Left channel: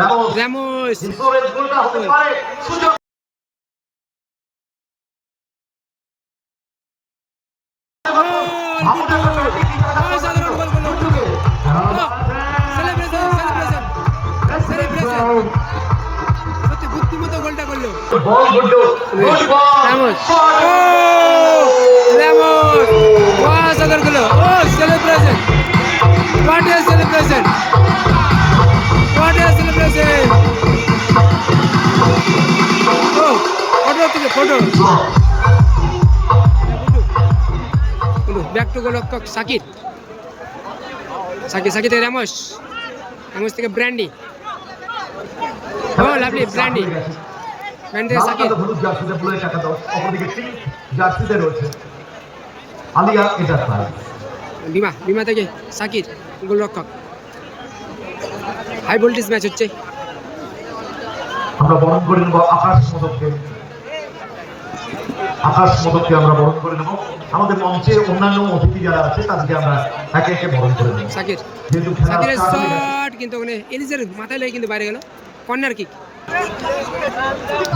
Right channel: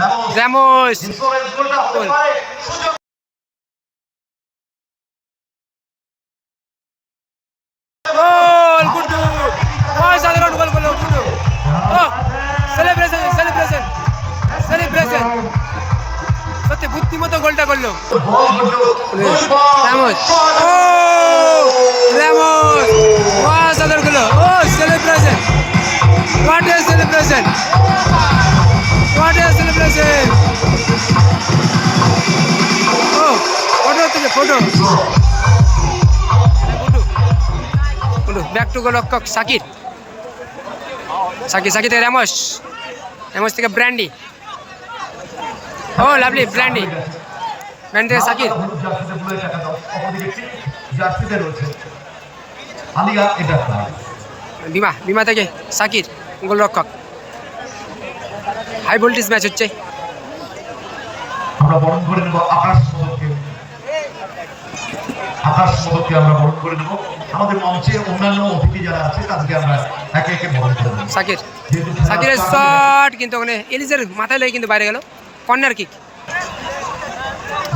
Ramos গোল গুড্ডু অসাধারণ goal করলো গুড্ডু ও সেলিব্রেশন সেলিব্রেশন সেলিব্রেশন সত্যি বুদ্ধিমতো গোলটা করলো রামোস ও রামোস অসাধারণ গোল ও celebration what a celebration what a celebration ও ফটো থেকে ফটো ব্যাক টু গোলরক্ষক সাকির সাকির সাকির থেকে রামোস রামোস থেকে ব্র্যান্ডি ও লাভলি ব্র্যান্ডি ব্র্যান্ডি থেকে সাকির বিমা বিমা থেকে সাকির গোলরক্ষক হাই ভোল্টেজ ম্যাচ হচ্ছে আমরা বরণ করে নেব আকাশ মোদককে আমরা বরণ করে নেব আমাদের মঞ্চে অন্যান্য অতিথি যারা আছে তাদেরকে আমরা একে একে বরণ করে নেব সাকির সাকিরের শট কিন্তু ওখানে এলিজের মাথায় লেগে কিন্তু বাইরে গেল কর্নার কিক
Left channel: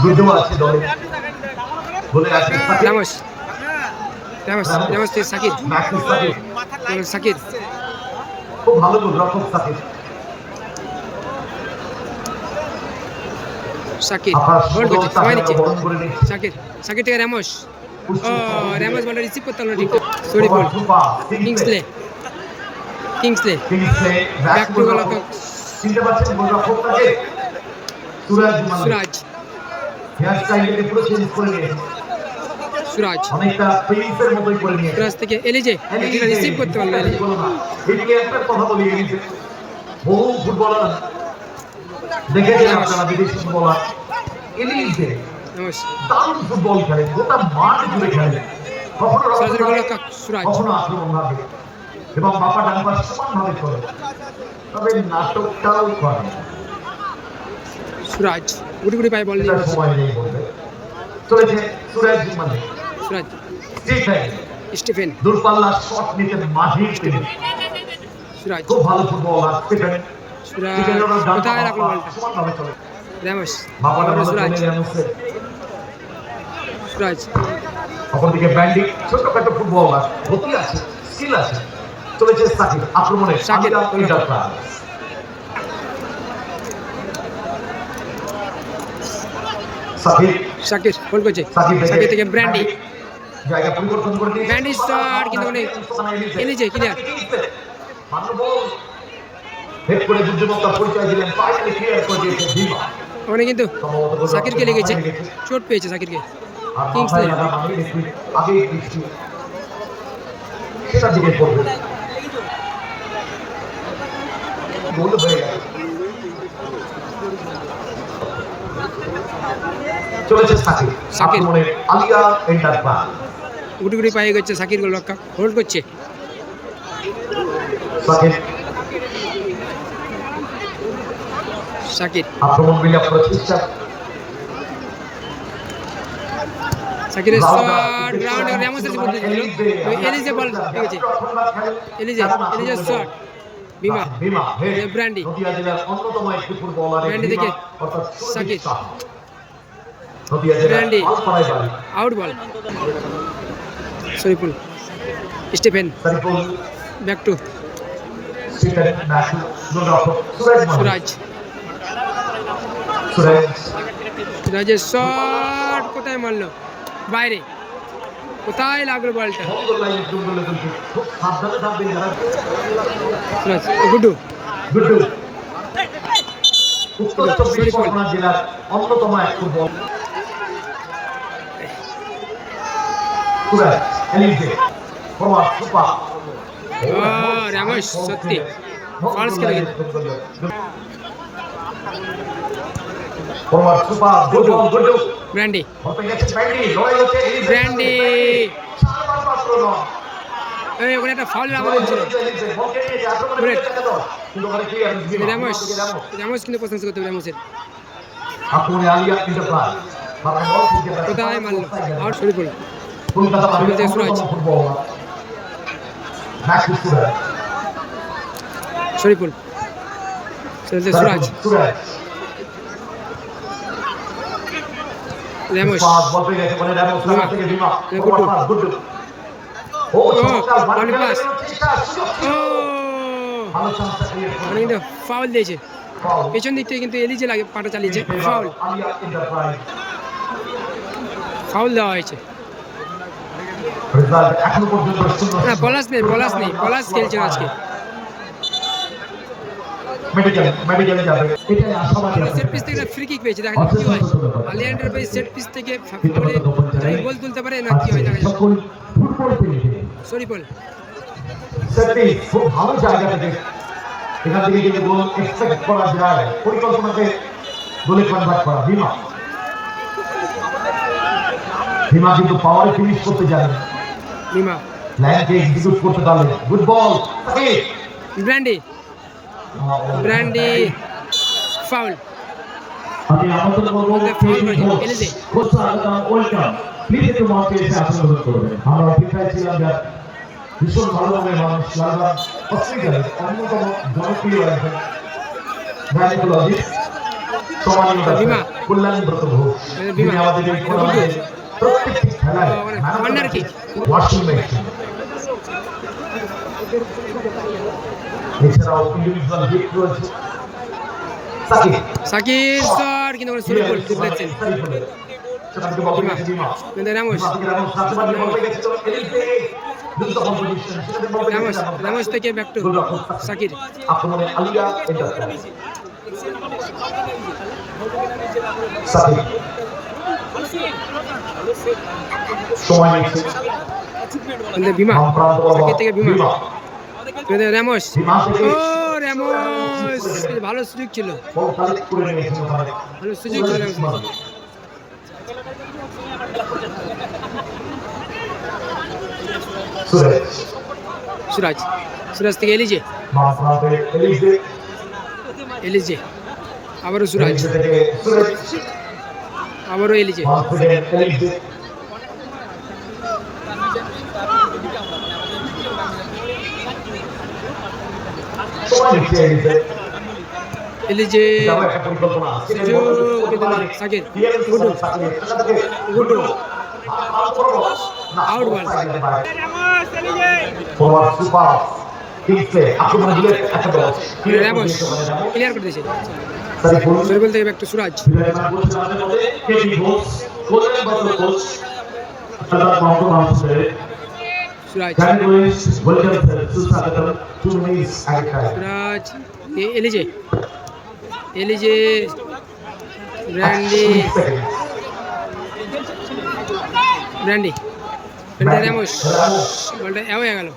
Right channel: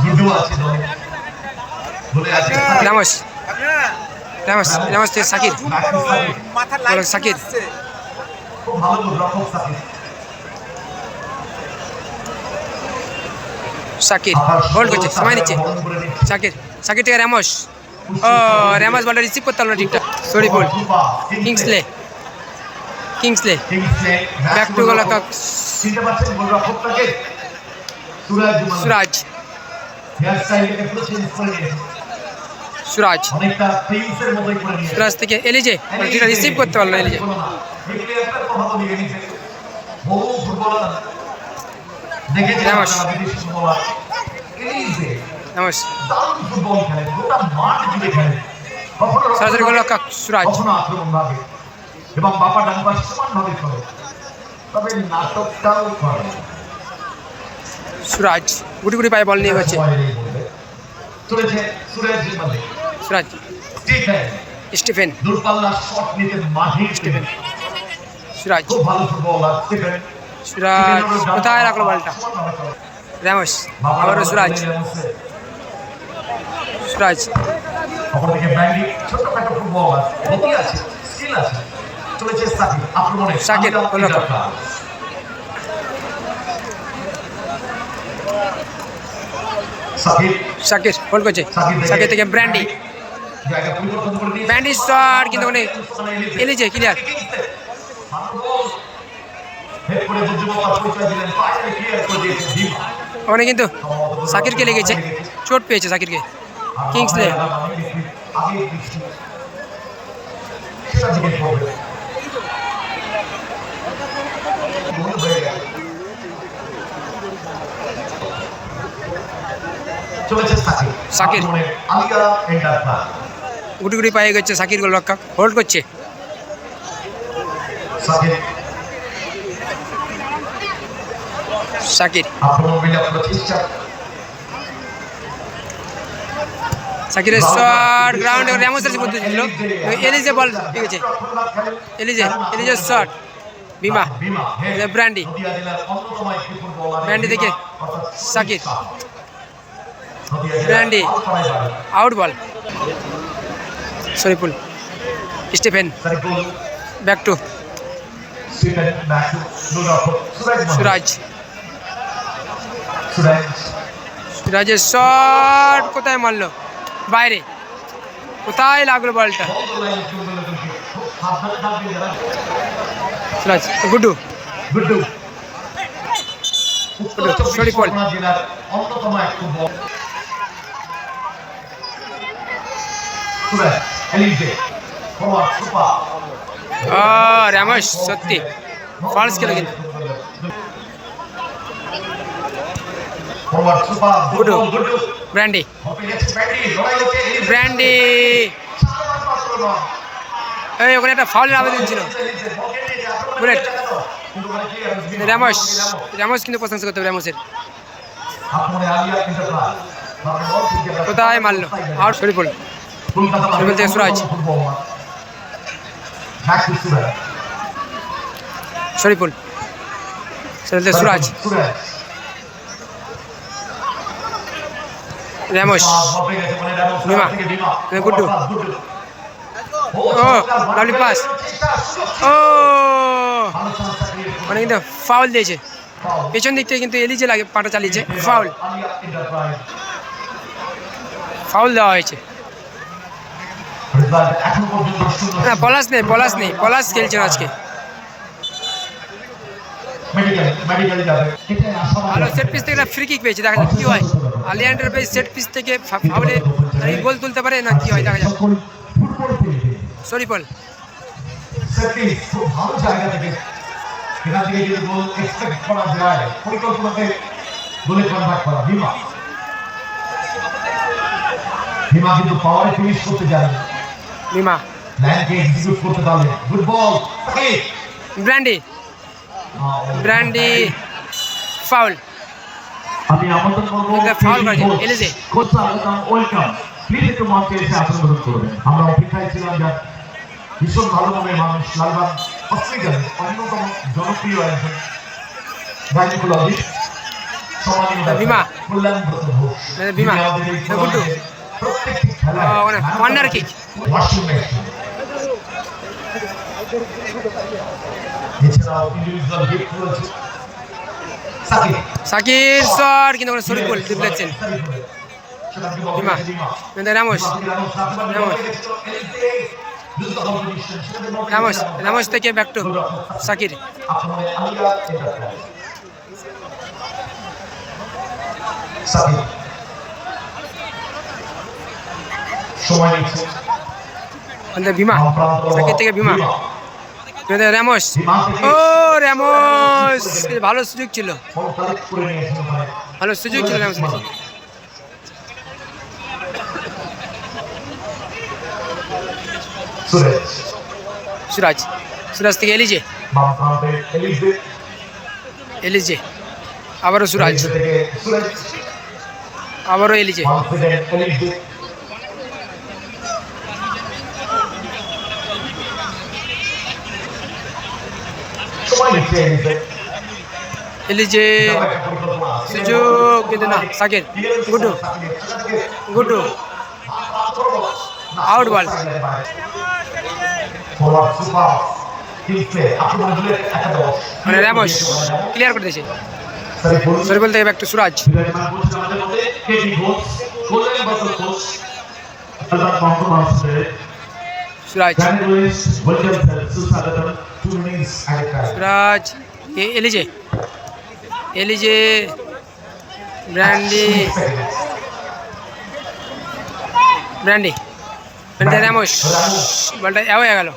গুড্ডু আছে দলে বলে আছে রামোস রামোস রামোস থেকে সাকির সাকির খুব ভালো গোলরক্ষক সাকির সাকির হোল্ড করছে সময় নিচ্ছে সাকির সাকির থেকে রামোস ও রামোস বলটা রিসিভ করতে পারলো না ঠিকঠাক sorry ball Kingsley Kingsley back to গোলরক্ষক সুরাজ সুরাজ সুরাজ থেকে এলিজে রিসিভ করতে পারলো এলিজে রামোস রামোস সরাসরি গোলরক্ষক সুরাজ এবং বাপা ডান পাশ সমানভাবে চলে তবে নাটকটাও করে সুরাজ গুটি গুটি পায়ে বল নিয়ে হচ্ছে চলেছে সুরাজ মানে সুরাজ স্টিফেন দূরপাল্লা শট নিতে মাহির স্টিফেন সুরাজ খুব ভালো ফুটবলার স্টিফেন সুরাজ কোথায় রাখলো বলটা রামোস আবারও সুরাজ সুরাজ অপরদিকে ব্র্যান্ডি ছোটখাটো ফুটবলার গতি আছে স্কিল আছে চলেছে সাকিব আক্রমণে সাকিব গোলরক্ষক সাকির হোল্ড করছে সাকির থেকে ব্র্যান্ডি ব্র্যান্ডি শট কিন্তু ওখানে এলিজে ক্লিয়ার ওখানে কিন্তু সাকিরকে লেগেছে চোট পেয়েছে সাকিরকে কিংসলে সাকির গুটি গুটি পায়ে গেছে সাকির গোলরক্ষক হোল্ড করছে সাকির সাকিরের শট গ্রাউন্ডে রামোসের মধ্যে ছিল এলিজে বল পেয়েছে এলিজের শট বিমা ব্র্যান্ডি ব্র্যান্ডি থেকে Sakir Brandy out ball Shariful Stephen back to Suraj সুরাজের শট কোথায় মারলো বাইরে কোথায় লাগলো বলটা সুরাজ গুড্ডু গুড্ডু শরীফুল রামোস সত্যি ফলস খেলে কিন্তু গুড্ডু ব্র্যান্ডি ব্র্যান্ডি এই ওখানে একটা ফাউলের আবেদন ছিল বুলেট রামোস রামোস কিন্তু প্রশংসা করতে হবে রামোসের কোথায় মারলো আউট শরীফুল শরীফুল থেকে সুরাজ শরীফুল শরীফুল থেকে সুরাজ র্যামোস বিমা গুড্ডু ও লাভলি পাস ও মানে কিন্তু ফাউল দিয়েছে পেছন দিক থেকে কিন্তু এলিজে লাগে পাটা চালিয়েছে ফাউল ফাউল দেওয়া হয়েছে না পলাশ নেই পলাশ খেলছেন আজকে ভালো সেট পিস থেকে ফ্রি কিক পেয়েছে দেখা যাক কি হয় আলিয়ান্ডার পেয়ে সেট পিস থেকে ফাউলে গোল তুলতে পারে না কি হয় দেখা যাক সরিপল খুব ভালো জায়গা থেকে এখান থেকে যদি গোল এক্সপেক্ট করা যায় পরিকল্পনাতে গোলে কনভার্ট করা ভীমা কিন্তু পাওয়ারে ফিনিশ করতে জানে ভীমা লাইনকে এক্সিকিউট করতে পারলে গুড বল ব্র্যান্ডি ফাউল আমি আমন্ত্রণ করব ফাউল করেছে এলিজে কোচ স্বাগতম ওয়েলকাম প্লিজ একটু মঞ্চে এসে আসন গ্রহণ করবেন আমরা অপেক্ষায় ছিলাম যার ভীষণ ভালো মনের মানুষ লালবাগ হসপিটালের অন্যতম জনপ্রিয় একজন গাইনোকোলজিস্ট ভীমা কল্যাণব্রত ঘোষ ভীমা গুড্ডু প্রত্যেকটি খেলায় কর্নার কিক ওয়াশিং মেশিন এছাড়াও ইন্ডিভিজুয়াল গিফট রয়েছে সাকির শট কিন্তু সরিপুল ডিফ্লেকশন ভীমা রামোস রামোস থেকে ব্যাক টু সাকির ভীমা সাকির থেকে ভীমা রামোস ও রামোস ভালো সুযোগ ছিল রামোস সুরাজ থেকে এলিজে আবারও সুরাজ আবারও এলিজে এলিজে সুযোগ কিন্তু না সাকির গুড্ডু আউট বল মানে রামোস ক্লিয়ার করে দিয়েছে সরিবল থেকে back to Suraj Suraj Elijah Brandy Ramos বলটা হয়ে গেল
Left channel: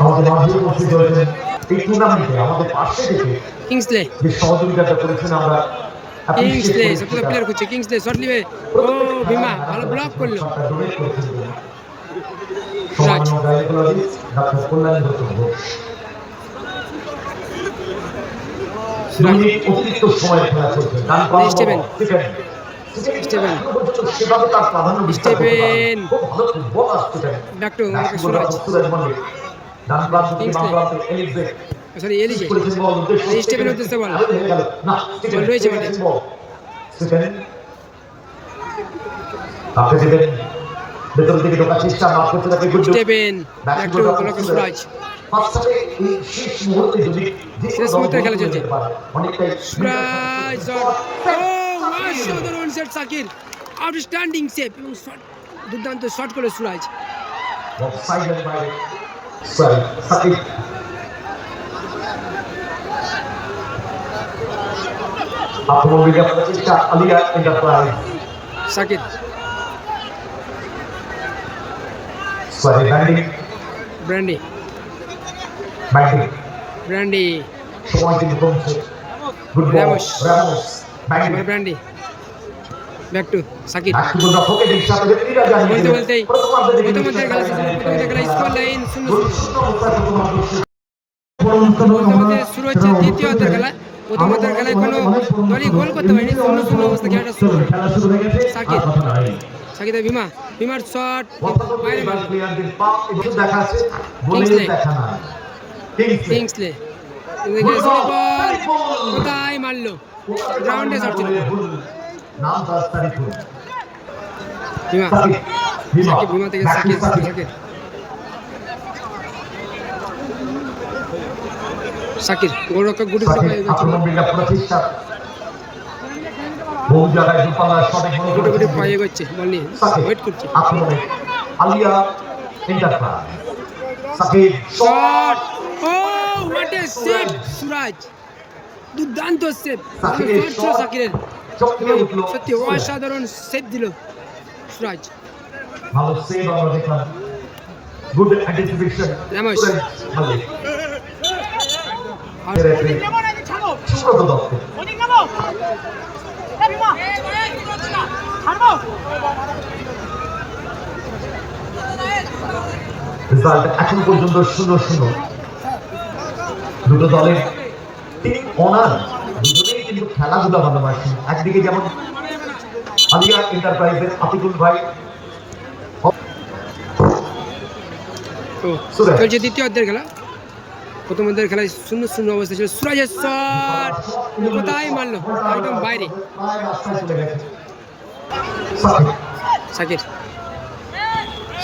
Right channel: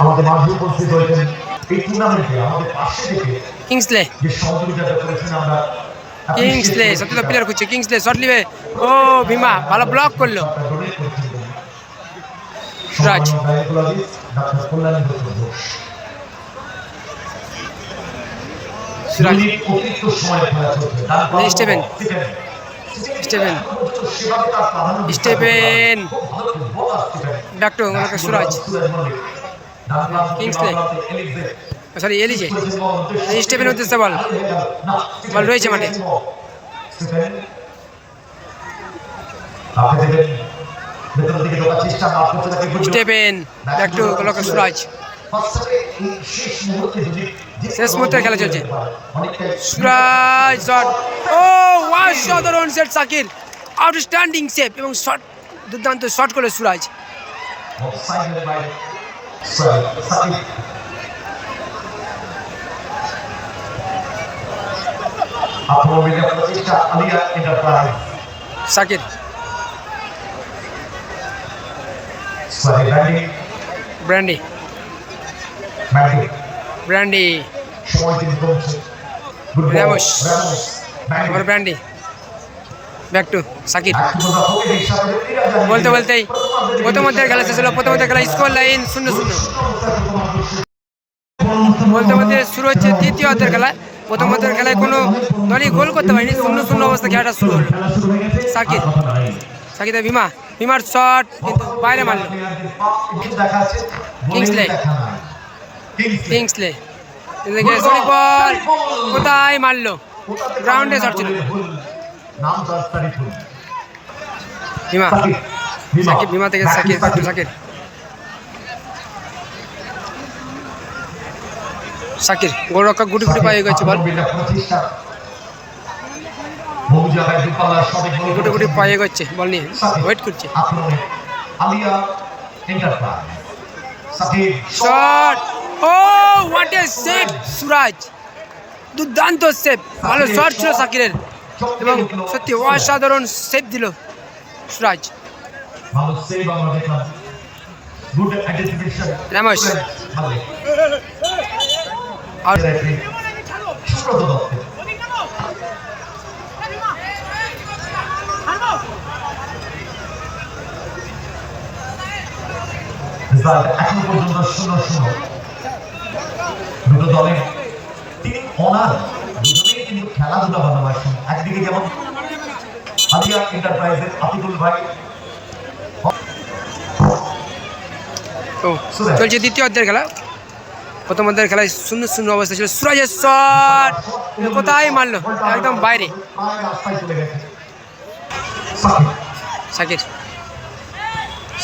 আমাদের মাঝে উপস্থিত হয়েছেন এই টুর্নামেন্টে আমাদের পাশে থেকে কিংসলে যে সহযোগিতা করেছেন আমরা সত্যি তো প্লেয়ার খুঁজছে কিংসলে শট নিবে ও ভীমা ভালো ব্লক করলো Suraj Steven back to Suraj Kingsley sorry Elijah Steven উদ্দেশ্যে বল রয়েছে মাঠে স্টেভেন ব্যাক টু সুরাজ শেষ মুহূর্তের খেলা চলছে সুরাজ শট ও অসাধারণ সেট সাকির আউটস্ট্যান্ডিং সেভ এবং শট দুর্দান্ত শট করলো সুরাজ সাকির ব্র্যান্ডি রামোস আমার ব্র্যান্ডি ব্যাক টু সাকির বলতেই প্রথমার্ধের খেলা শেষ হলো প্রথমার্ধের খেলা স্কোর লাইন 0-0 বলতে শুরু হচ্ছে দ্বিতীয় অর্ধের খেলা প্রথমার্ধের খেলায় কোনো দলই গোল করতে পারেনি 0-0 অবস্থা খেলাটা শুরু হলো সাকিরের ভীমার শট কিন্তু বাইরে মারল কিংসলে এদিকে সরি বল কোথায় মারলো গ্রাউন্ডে শট ছিল। নাম তাস্তারি ফুল ভীমা সাকিব সাকিব ভীমা থেকে সাকিব সাকিব সাকির গোলরক্ষক গুটি গুটি পায়ে গেছে বল, বহু জায়গায় দুপালা সবে গুটি গুটি পায়ে গেছে বল নিয়ে ওয়েট করছে। আলিয়া এন্টারপ্রাইজ সাকিব শট, ও হোয়াট এ সেভ সুরাজ, দুর্দান্ত সেভ, ভালো শট ছিল সাকিরের এবং সত্যি অসাধারণ সেভ দিল সুরাজ। ভালো সেভ আমরা দেখলাম, গুড অ্যান্টিসিপেশন রামোস আর সুব্রত দত্ত রেজাল্ট এখন পর্যন্ত 0-0, দুটো দলের টিম অনার দুজনেই কিন্তু খেলাধুলা ভালোবাসেন। একদিকে যেমন আলিয়া এন্টারপ্রাইজের আতিকুল ভাই, ও চলছে দ্বিতীয় অর্ধের খেলা। প্রথম অর্ধের খেলায় 0-0 অবস্থা ছিল। সুরাজের শট কোথায় মারলো, একদম বাইরে। প্রায় রাস্তায় চলে গেছে সাকির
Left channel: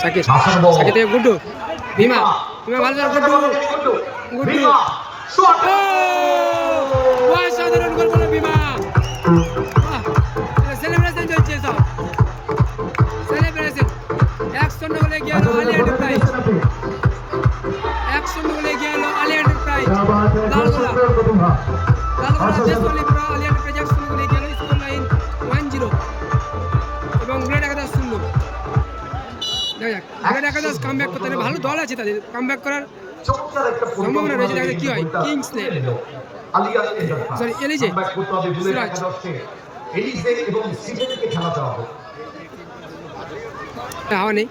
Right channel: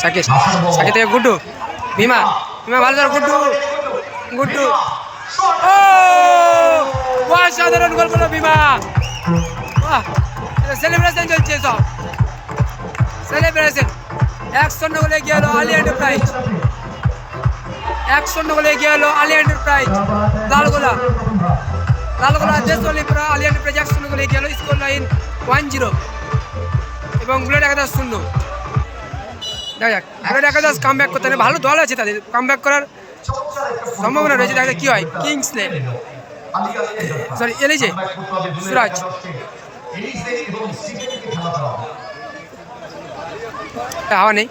সাকির সাকির থেকে গুড্ডু, ভীমা ভীমা ভালো ধর, গুড্ডু গুড্ডু, ও অসাধারণ গোল করলো ভীমা। বাহ, সেলিব্রেশন চলছে, সব সেলিব্রেশন। 1-0 গোলে এগিয়ে হলো আলিয়া এন্টারপ্রাইজ, 1-0 গোলে এগিয়ে হলো আলিয়া এন্টারপ্রাইজ। লালগোলা দেশওয়ালিপুরা আলিয়া এন্টারপ্রাইজ 1-0 গোলে এগিয়ে হলো। স্কোর লাইন 1-0 এবং বুলেট একাদশ 0। দেখা যাক বুলেট একাদশ কাম ব্যাক করতে, ভালো দল আছে তাদের, কাম ব্যাক করার সম্ভাবনা রয়েছে। দেখা যাক কি হয়। কিংসলে সরি এলিজে সুরাজ, হাওয়া নেই।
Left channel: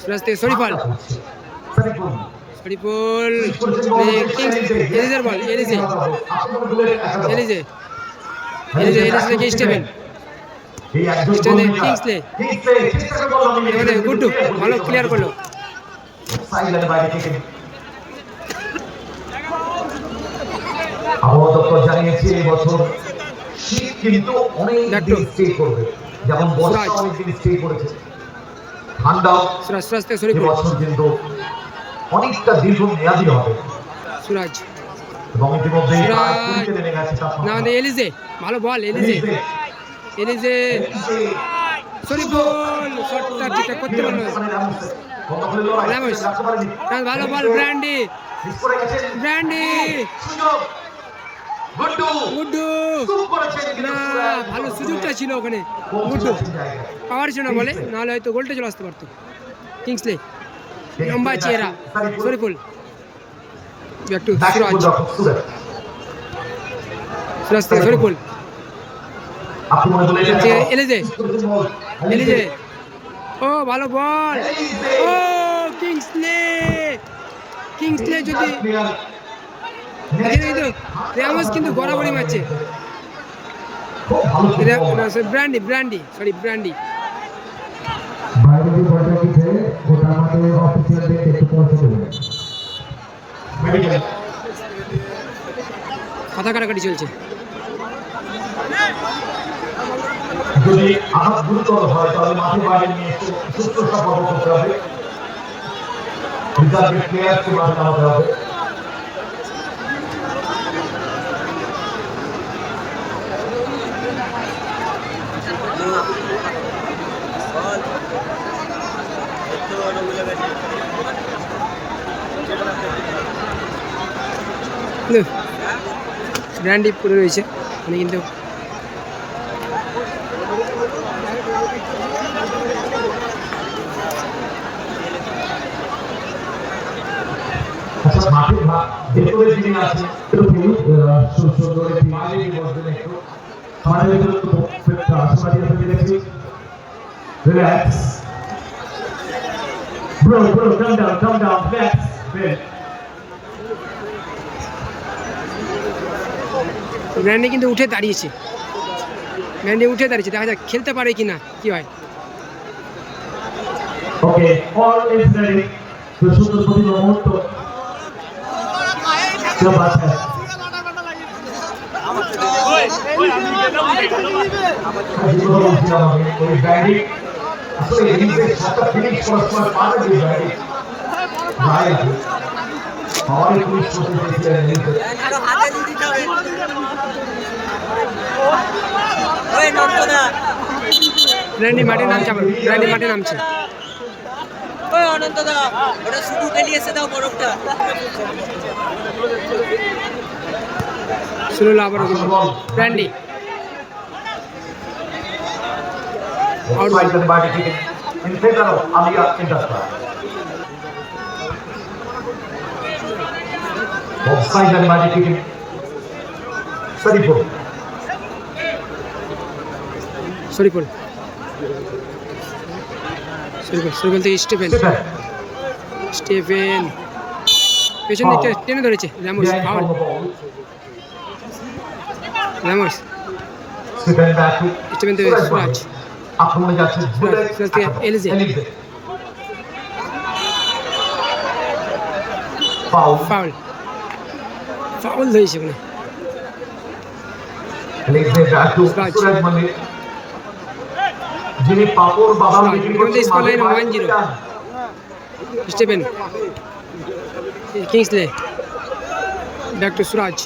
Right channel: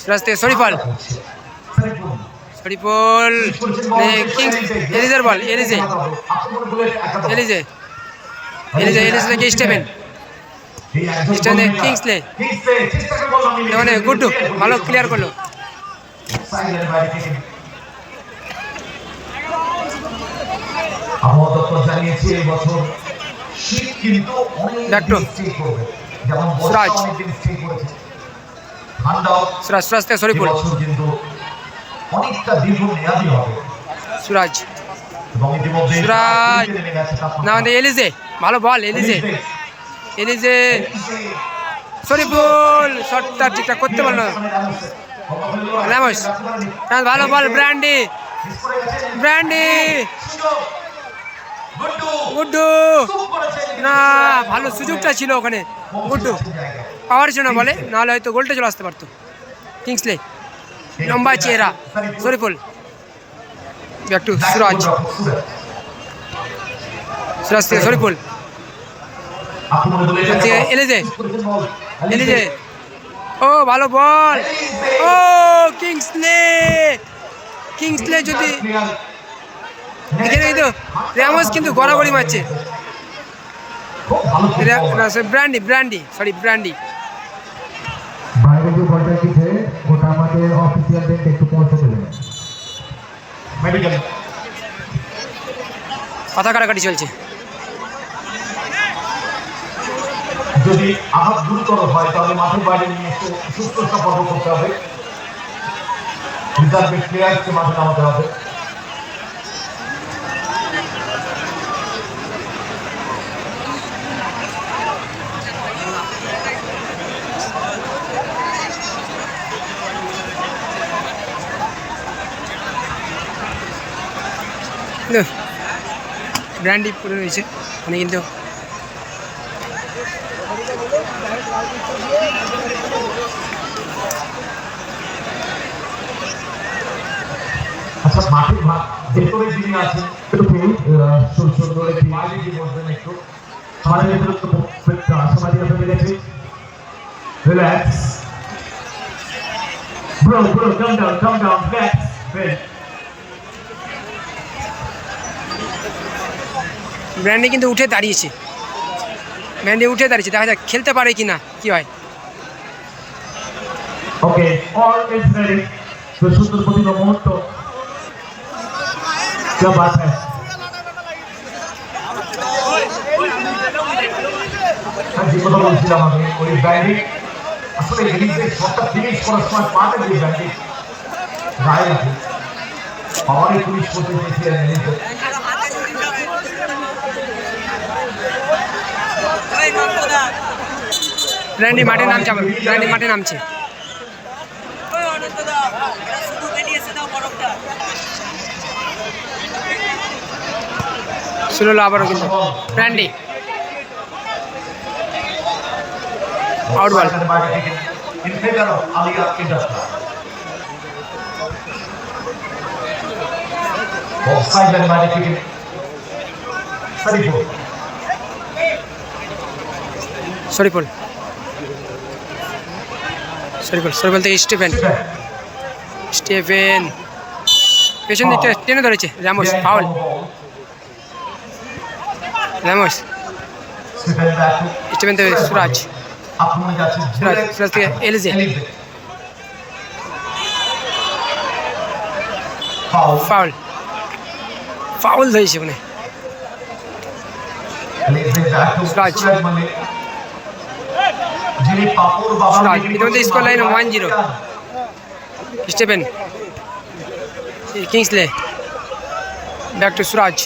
সুরাজ থেকে শরীফল, শরীফুল এলিজের বল, এলিজে এলিজে এলিজে এলিজে থেকে স্টেভেন কিংসলে, মানে গুড্ডু ভালো ক্লিয়ার করলো। আবহাওয়া দপ্তর জানিয়েছে এই বছর শীত কিন্তু অনেক দিন স্টে করবে, যেমন বর্ষা অনেক দিন স্টে করেছে, ঠান্ডা সুরাজ থেকে শরীফুল কিন্তু অনেকটা দীর্ঘ মেয়াদী হবে। সুরাজ এবং ইতিমধ্যে সুরাজ না আমাদের এলিজে ভালো বল, এলিজে এলিজে শরীফুল শটটা ঠিকঠাক করতে পারলো। রামোস ভালো বল, ব্র্যান্ডি ব্র্যান্ডি গুড্ডু, না ভালো সুযোগটা ছিল ওখানে, গুড্ডু পাওয়ার ছিল না বলে, নাহলে হয়তো গোলটা চলে আসতে পারতো। কিংসলে লম্বা চেহারা শরীফুল, ব্যাক টু সুরাজ, সুরাজ থেকে শরীফুল এলিজে এলিজে, ও ভালো বল, ও কিংসলে কিংসলে যদি এখানে কিন্তু রামোস কিন্তু গড়াগড়ি মারছে। ব্র্যান্ডি ব্র্যান্ডি সরি ব্র্যান্ডি বাইরে যে বলটা আছে ওটা আমাদের অফিসিয়ালদের একটু পৌঁছে দেবেন। মেডিকেল কথা কাটাকাটি চলছে। যদি আঘাত গুরুতর হয় তাহলে মাঠের বাইরে নিয়ে এসে সুস্থতা পর্ব করতে হবে, রিজার্ভের প্লেয়ারকে মাঠে নামাতে হবে। ব্র্যান্ডি পড়ে রয়েছে মানে, কিন্তু আচ্ছা মাঠের ভেতরে যিনি আছেন একটু সুন্দর একটি বাইরে গিয়ে বসবেন, একটু আমাদের ভেতরে একটু আশাবাদী আপনি দেখছি। রিল্যাক্স ব্রো, কাম ডাউন রিল্যাক্স। ব্র্যান্ডি কিন্তু উঠে দাঁড়িয়েছে, দেখা যাক খেলতে পারে কি না, কি হয়। ওকে, অল ইজ রেডি। তো সুন্দর প্রতিভা মুহূর্ত। क्या बात है। আমি কথা বলছিলাম, আমি ওই ব্যান্ডিং আসলে এদিকে শটটা ফিনিশ করার সময় পাটা দিয়ে ব্যান্ডিং গায়ে লাগে, পাওয়ারে ফিনিশ করতে চেয়েছিলেন এদিকে। ব্র্যান্ডি মাঠে নামছে, আবার ব্র্যান্ডি মাঠে নামছে। শুরু হলো আবারও কিন্তু ব্র্যান্ডি আউট বল। শরীফুল থেকে স্টিফেন পেছন দিকটা টেনে ধরেছে রামোস, ফাউল। রামোস, স্টিফেন থেকে সুরাজ থেকে এলিজে, ফাউল ধরেছে ওখানে। সুরাজ ইতিমধ্যে score line 1-0। Stephen, Kingsley, back to Suraj.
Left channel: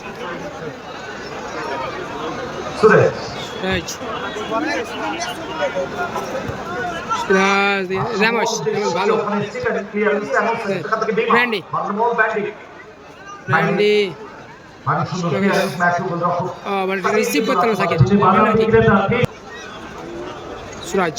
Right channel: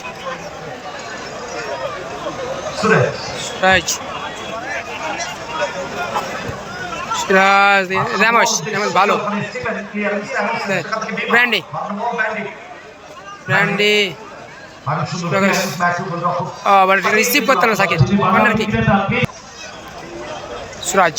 Ramos ভালো। ব্র্যান্ডি রিসিভ করতে না থাকে, কর্নার কিক। সুরাজ,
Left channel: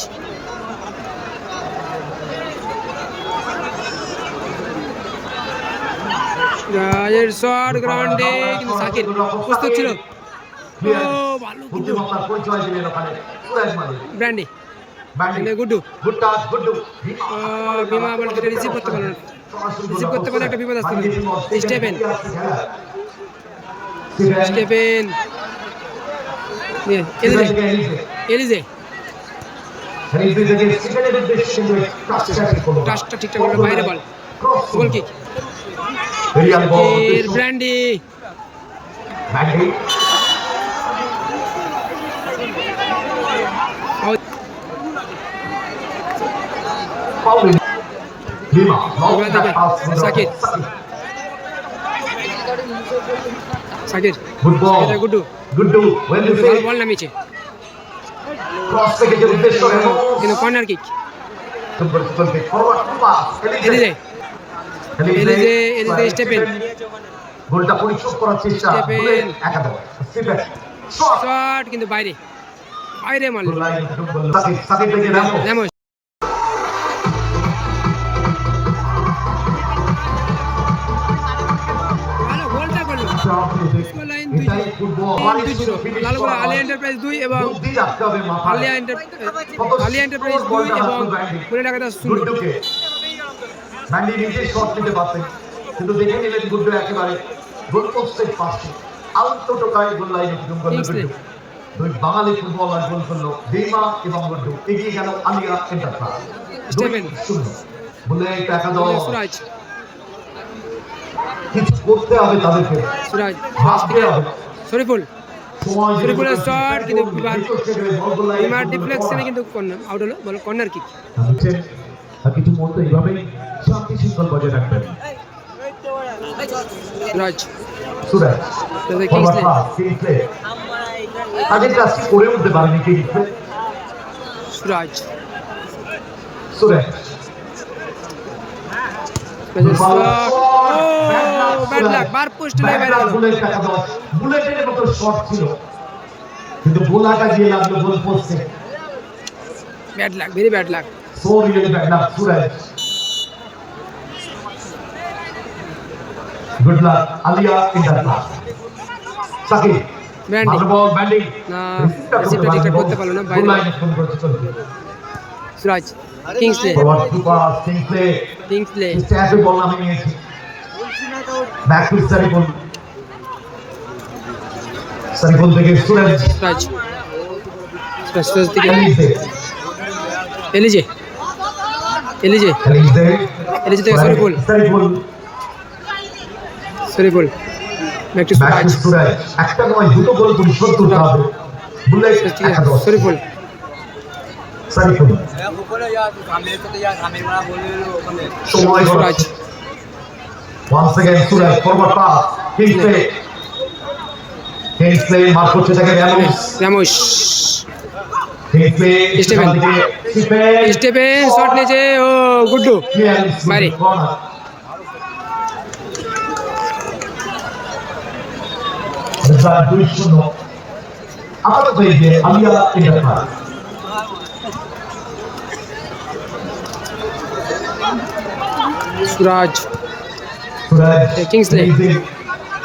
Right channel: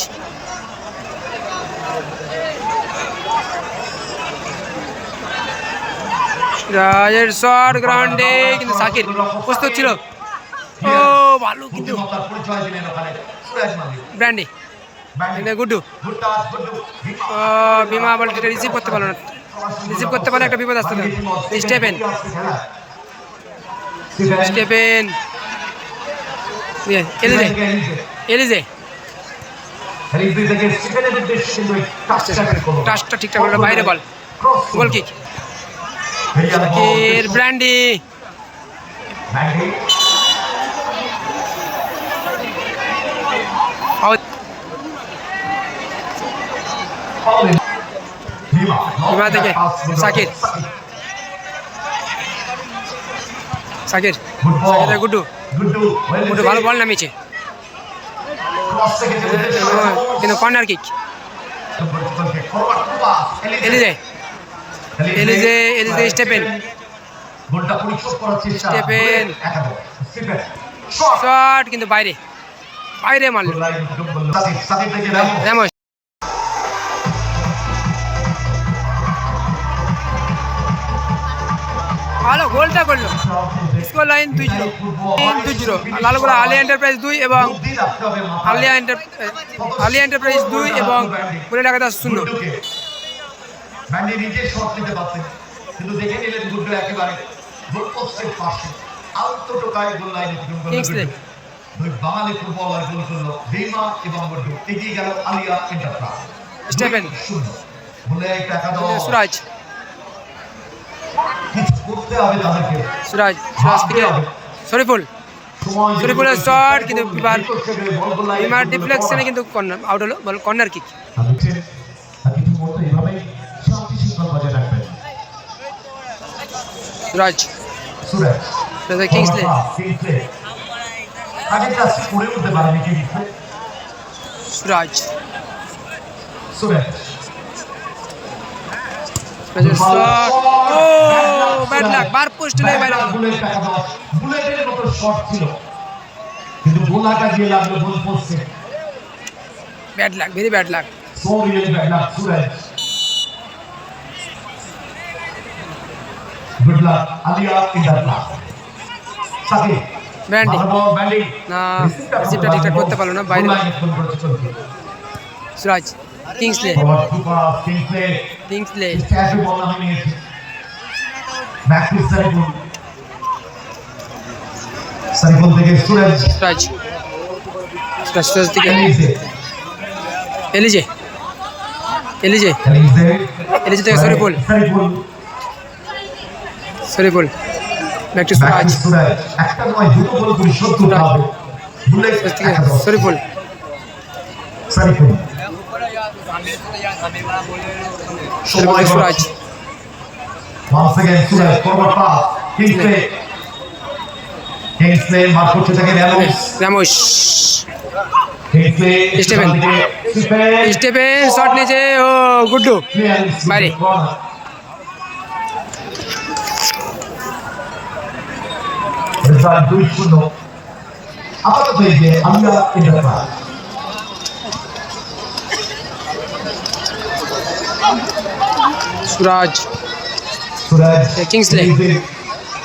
রাজের শট গ্রাউন্ডে, কিন্তু সাকির প্রস্তুত ছিল। ও ভালো কিন্তু ব্র্যান্ডি, গুড্ডু বিমা বলটা রিসিভ করতে পারলো না, একটা বিপদ আসতে না। স্টেফেন এলিজে টাচটা ঠিকঠাক করলো, বাইরে বল, গোল কিক। ব্র্যান্ডি বিমা থেকে সাকির গুড্ডু ভালো বল নামিয়েছে, কিন্তু কর্নার কিক। এলিজে স্টেফেন শট, কিন্তু বাইরে মারল। রামোস, ভালো গোলটা করলো। Score line 2-0। Lalgola Alia enterprise 2 এবং আলিয়া এন্টারপ্রাইজ 2 এবং বলে টাকা 0। ব্যান্ডি নিজে শট নিতে পারতেন, কিন্তু দেখে নিলেন গুড্ডু একেবারে গোল পোস্টের পাশে আউটটোকায় গোল লাইনে কিংসলে। দুই বাঙালি ফুটবলার গোল করলো, বিমা এবং গুড্ডু। এগিয়ে গেল আলিয়া এন্টারপ্রাইজ। স্টেফেন বলে টাকা দাও সুরাজ, কিছু করতে হবে তাদেরকে। সুরাজ থেকে শরীফুলের শট, কিন্তু বিমার ডিফ্লেকশনে কিন্তু আউট হলো, বল কর্নার কিক। কিছু মুহূর্ত এইভাবেই শান্তি শৃঙ্খলা বজায় রাখবেন। সুরাজ কিংসলে, আগে কাজটি করে উঠতে পারেনি কিংসলে। সুরাজ ব্যাড লাক, বার পোস্ট লেগে বাইরে গেল। বুলেটের মতো শট ছিল, কিন্তু গোলাটা গিয়ে লাগলো গোল পোস্টে। Bad luck, very bad luck. So really bad luck, Suraj. Good luck, Alia in that luck. Saki. Brandy না, রিসিভটা ঠিকঠাক করতে পারলো না, বাইরে। সুরাজ কিংসলে সারিফুল থেকে সুরাজ সুরাজ সুরাজ থেকে এলিজে এলিজে এলিজে থেকে শরীফুল শরীফুল ব্যাক টু সুরাজ একটা নয় দুটো গোল তুমি 70 পাবে বুলেট থেকে শরীফুল সারিফুল শরীফুল থেকে সুরাজ once again সুরাজ ফরওয়ার্ড পাস কিংসলে মার করতে থাকে রামোস স্টিফেন স্টিফেন শট নিয়েছে ও গুড্ডু বাইরে রেজাল্ট 2-0 আপাতত এই যে আমরা এটা পাস সুরাজ কিংসলে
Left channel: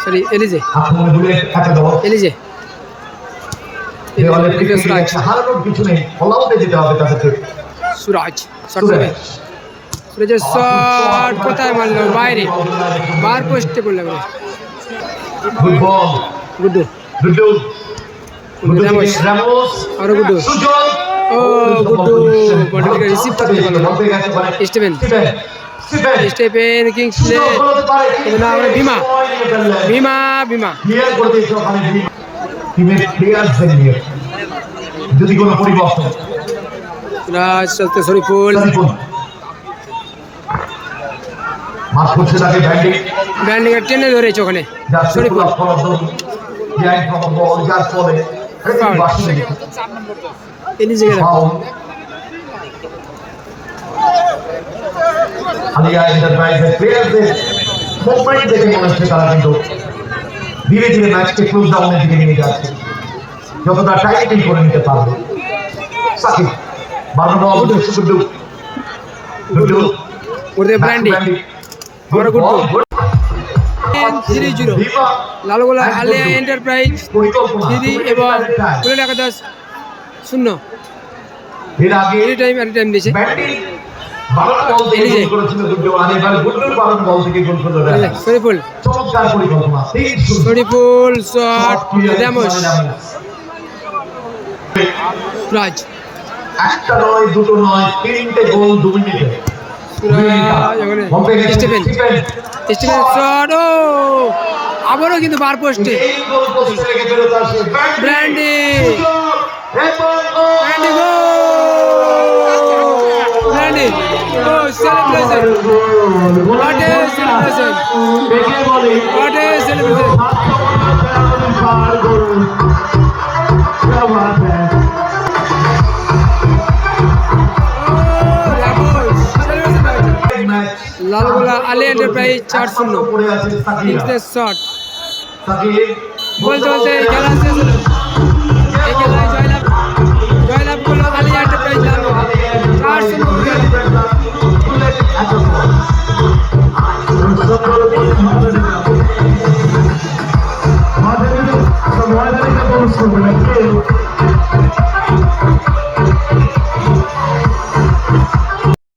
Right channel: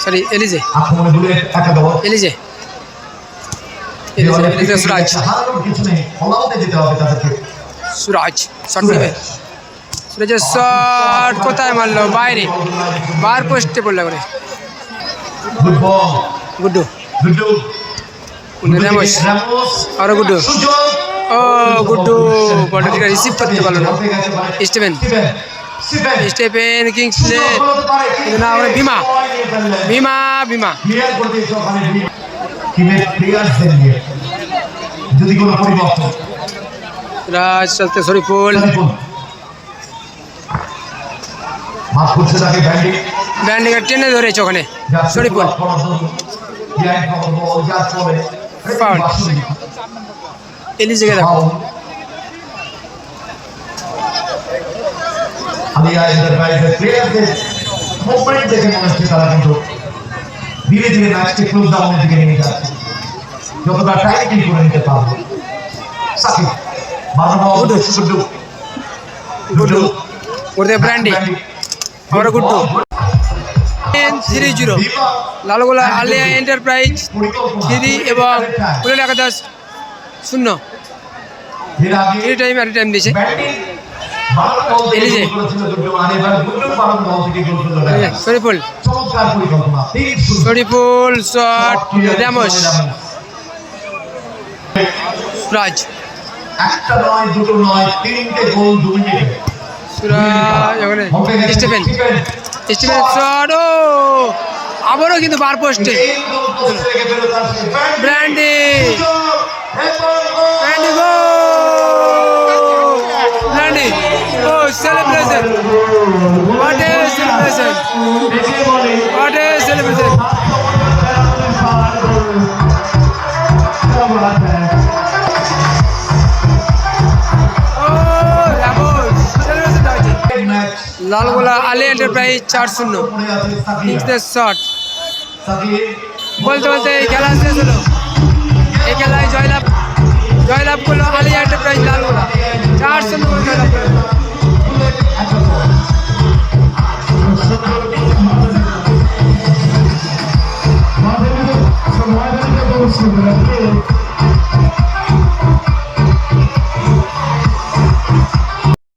সরি এলিজে আক্রমণে বুলেট একা দাও এলিজে এলিজে সুরাজ হারানোর কিছু নেই ফলাতে যেতে হবে তাদেরকে সুরাজ শট নেবে সুরাজের শট কোথায় মারলো বাইরে বার পোস্টে পড়লো করে good ball Guddu Guddu Ramos আরো গুড্ডু ও গুড্ডু বলটা রিসিভ করতে পারলো না স্টিফেন স্টিফেন কিংসলে কিন্তু না আমরা ভীমা ভীমা ভীমা যদি কোনো পরিবর্তন রাজ চলতে শরীফুল মাফ করছে তাকে ব্যান্ডিকে টেনে ধরেছে ওখানে শরীফুল ফাউল এলিজেকে দেখো আলিয়া এন্টারপ্রাইজের প্লেয়ারদের মুভমেন্ট দেখে মনে হচ্ছে তারা কিন্তু ধীরে ধীরে ম্যাচকে ক্লোজ ডাউনের দিকে নিয়ে যাচ্ছে যতটা টাইটিং করে নিতে পারবে সাকিব গুড্ডু ওদের ব্র্যান্ডি আমরা গুড্ডু 3-0 লালগোলা আলিয়া এন্টারপ্রাইজ 3 এবং পুরুলিয়া একাদশ 0 এর আগে এই টাইম দিয়েছে Elijah Shariful Shariful shot Ramos Suraj Suraj ওখানে স্টিফেন স্টিফেন শট ও আবারও কিন্তু বার পোস্টে ব্র্যান্ডি ব্র্যান্ডি গো ব্র্যান্ডি ও celebration what a celebration what a celebration Lalgola Alia Enterprise 4-0 কিংসের শট বলতে বলতে এই খেলা শেষ হলো এই খেলায় জয়লাভ করলো আলিয়া এন্টারপ্রাইজ লালগোলা 4-0 জয়লাভ করলো